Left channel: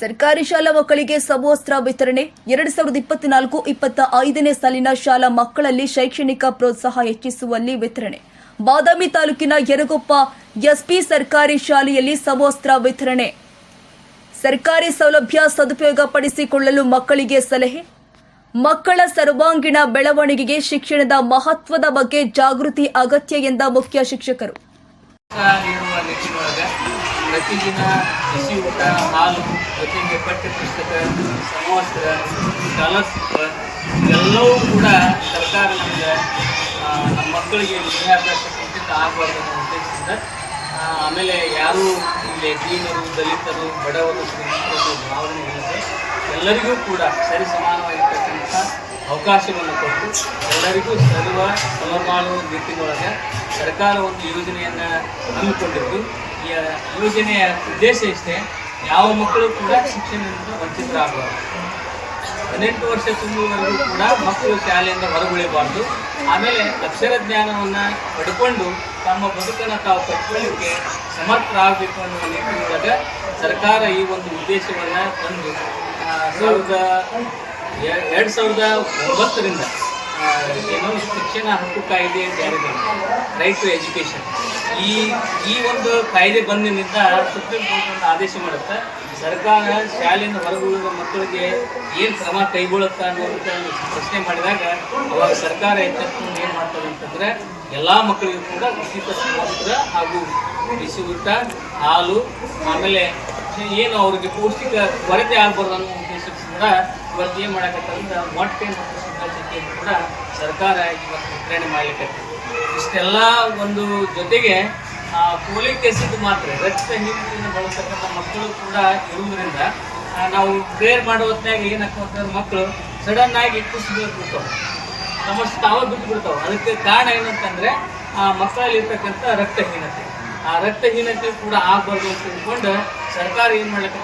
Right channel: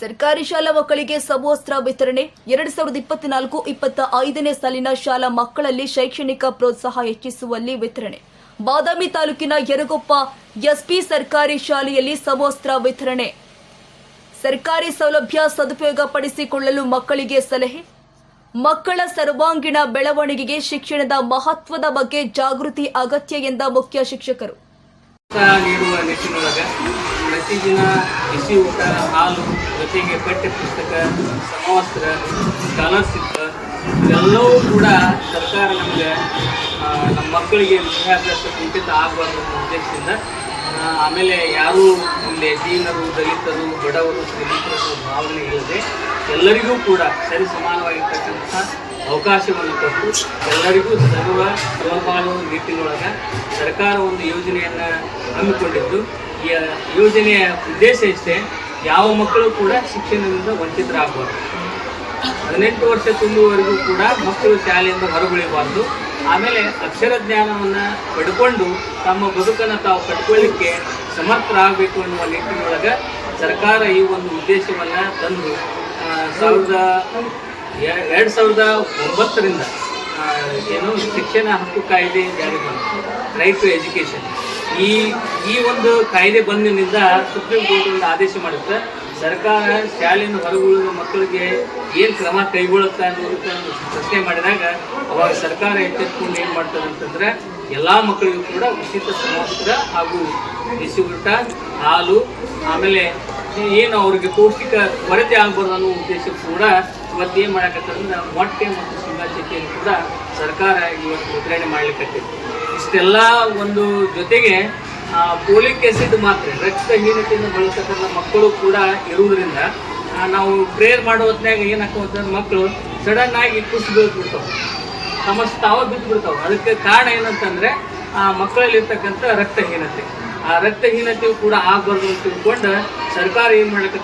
ಸರ್ಕಾರಿ ಶಾಲಾ ಮಕ್ಕಳಿಗೆ ಸಮವಸ್ತ್ರ ವಿತರಣೆ 2024-25ನೇ ಸಾಲಿನ ಶಾಲಾ ಮಕ್ಕಳಲ್ಲಿ ಶೈಕ್ಷಣಿಕ ಪ್ರೋತ್ಸಾಹ ಹೆಚ್ಚಿಸುವಲ್ಲಿ ವಿತರಣೆ. ಬಾದಾಮಿ ತಾಲೂಕಿನ ಯರಗೊಪ್ಪ ಎಸ್ಪಿ ಸರ್ಕಾರಿ ಶಾಲೆಯಲ್ಲಿ ಸಮವಸ್ತ್ರ ವಿತರಣೆ. ಸರ್ಕಾರಿ ಸೌಲಭ್ಯ ಸದುಪಯೋಗಪಡಿಸಿಕೊಳ್ಳಲು ಮಕ್ಕಳಿಗೆ ಸಲಹೆ. ಮಕ್ಕಳ ಸರ್ವಾಂಗೀಣ ಬೆಳವಣಿಗೆಗೆ ಶಿಕ್ಷಣದ ಮಹತ್ವದ ಬಗ್ಗೆ ಜಾಗೃತಿ ಅಗತ್ಯ ಎಂದ ಮುಖ್ಯ ಶಿಕ್ಷಕರು. ನೀಡುವ ನಿಟ್ಟಿನೊಳಗೆ ಪ್ರತಿದಿನ ಬಿಸಿ ಊಟ, ಹಾಲು, ಜೊತೆಗೆ ಪಠ್ಯ ಪುಸ್ತಕ, ಸಮವಸ್ತ್ರ, ಸ್ಕಾಲರ್ಶಿಪ್ ಇವೆಲ್ಲವೂ ಕೂಡ ಸರ್ಕಾರ ನಮಗೆ ನಮ್ಮ ಮಕ್ಕಳಿಗೆ ವಿದ್ಯಾಭ್ಯಾಸ ಕುಂಠಿತ ಆಗಬಾರ್ದು ಅನ್ನೋ ಉದ್ದೇಶದಿಂದ ಆಮೇಲೆ ಯಾರೂ ಇಲ್ಲಿ ದೀನರು, ದಲಿತರು, ಬಡವರು, ಶ್ರೀಮಂತರು ಭಾವನೆ ಇಲ್ಲದೆ ಎಲ್ಲರಿಗೂ ಕೂಡ ಸರಿ ಸಮಾನವಾಗಿರ್ತಕ್ಕಂಥ ಅವಕಾಶವನ್ನು ಕೊಟ್ಟು ಎಲ್ಲರಿಗೂ ಸರ್ವ ಸಮಬಾಳು ನಿಟ್ಟಿನೊಳಗೆ ಸರ್ಕಾರ ಒಂದು ಯೋಜನೆಯನ್ನು ಹಮ್ಮಿಕೊಂಡಿದ್ದು, ಈ ಯೋಜನೆಯ ಉದ್ದೇಶ ಇಷ್ಟೇ, ಯಾವ ಮಕ್ಕಳು ಕೂಡ ಶಿಕ್ಷಣದಿಂದ ವಂಚಿತರಾಗಬಾರ್ದು. 18 ವರ್ಷ ತುಂಬುವವರೆಗೂ ಕೂಡ ಮಕ್ಕಳು ಶಾಲೆಯಿಂದ ಹೊರಗುಳಿಬಾರ್ದು. ಆಮೇಲೆ ಅಕ್ಷರ ಜ್ಞಾನವನ್ನು ಪಡ್ಕೊಂಡು ತಮ್ಮ ಬದುಕನ್ನು ತಾವು ಕಟ್ಕೊಳ್ಳಿಕ್ಕೆ ಸಮರ್ಥರಾಗಬೇಕು ಅನ್ನುವ ನಿಟ್ಟಿನೊಳಗೆ ಸರ್ಕಾರ ಈ ಒಂದು ಉದ್ದೇಶವನ್ನು ತಂದು 2009ರಿಂದ ಏನು ಶಿಕ್ಷಣ ಹಕ್ಕು ಕಾಯ್ದೆ ಜಾರಿ ಬಂತು, ರೈಟ್ ಟು ಎಜುಕೇಷನ್. ಈ ಒಂದು ಕಾಯ್ದೆ ಬಂದಿನಿಂದ ಸುಪ್ರೀಂ ಕೋರ್ಟ್ ಒಂದು ಆದೇಶ ಮಾಡುತ್ತೆ, ಸರ್ಕಾರ ಶಾಲೆಯಿಂದ ಹೊರಗುಳಿದ ಮಕ್ಕಳಿಗೆ ಏನು ಕ್ರಮ ಕೈಗೊಳ್ಳುತ್ತಾ ಅನ್ನೋದಕ್ಕೆ ಒಂದು ಪ್ರಶ್ನೆ ಮಾಡಿದಾಗ ಅವಾಗ ಸರ್ಕಾರ ಎಚ್ಚೆತ್ಕೊಂಡು ಏನು ಮಾಡ್ತದೆ ಅಂತಂದ್ರೆ ಎಲ್ಲ ಮಕ್ಕಳಿಗೂ ಕೂಡ ಉಚಿತ ಸಮವಸ್ತ್ರ ಹಾಗೂ ಬಿಸಿ ಊಟ, ಹಾಲು, ಆಮೇಲೆ ಏನು ಅವರಿಗೆ ಪೌಷ್ಟಿಕ ಕೊರತೆ ಆಗಬಾರ್ದು ಅನ್ನೋ ಉದ್ದೇಶಕ್ಕೂ ಕೂಡ ಇವತ್ತು ಏನು ಮಾಡಕತ್ತಂದ್ರೆ ಮೊಟ್ಟೆ ಮತ್ತು ಸಿಂಗಾತಿಯನ್ನು ಕೂಡ ಸರ್ಕಾರ ಇವತ್ತು ವಿತರಣೆ ಮಾಡ್ಲಿಕ್ಕೆ. ಇಷ್ಟೆಲ್ಲ ಒಂದು ಜೊತೆಗೆ ಫೋಲಿಕ್ ಆಸಿಡ್ ಮಾತ್ರೆ, ರಕ್ತಹೀನತೆಯನ್ನು ಬಳಸತಕ್ಕಂಥ ಮಕ್ಕಳು ಕೂಡ ಇರುವುದರಿಂದ ನಾವು ಪ್ರೇಯರ್ ಮಾಡೋ ಹೊತ್ತಿನಾಗ ಏನಾಗ್ತಂದ್ರೆ ಮಕ್ಕಳು ಸಡನ್ ಆಗಿ ಕುಸಿದು ಬೀಳ್ಬಿಡ್ತಾವೆ, ಸಮಸ್ಯೆ ತಾವು ಬಿದ್ದು ಬಿಡ್ತಾವೆ. ಅದಕ್ಕೆ ಕಾರಣ ಏನಂತಂದ್ರೆ ಮಕ್ಕಳಲ್ಲಿ ಇರ್ತಕ್ಕಂಥ ರಕ್ತಹೀನತೆ. ಆ ರಕ್ತಹೀನತೆಯು ಕೂಡ ಆಗಬಾರ್ದು ಅಂತ ತಿಳ್ಕೊಂಡು ಸರ್ಕಾರ ಏನು ಮಾಡ್ಲಿಕ್ಕೆ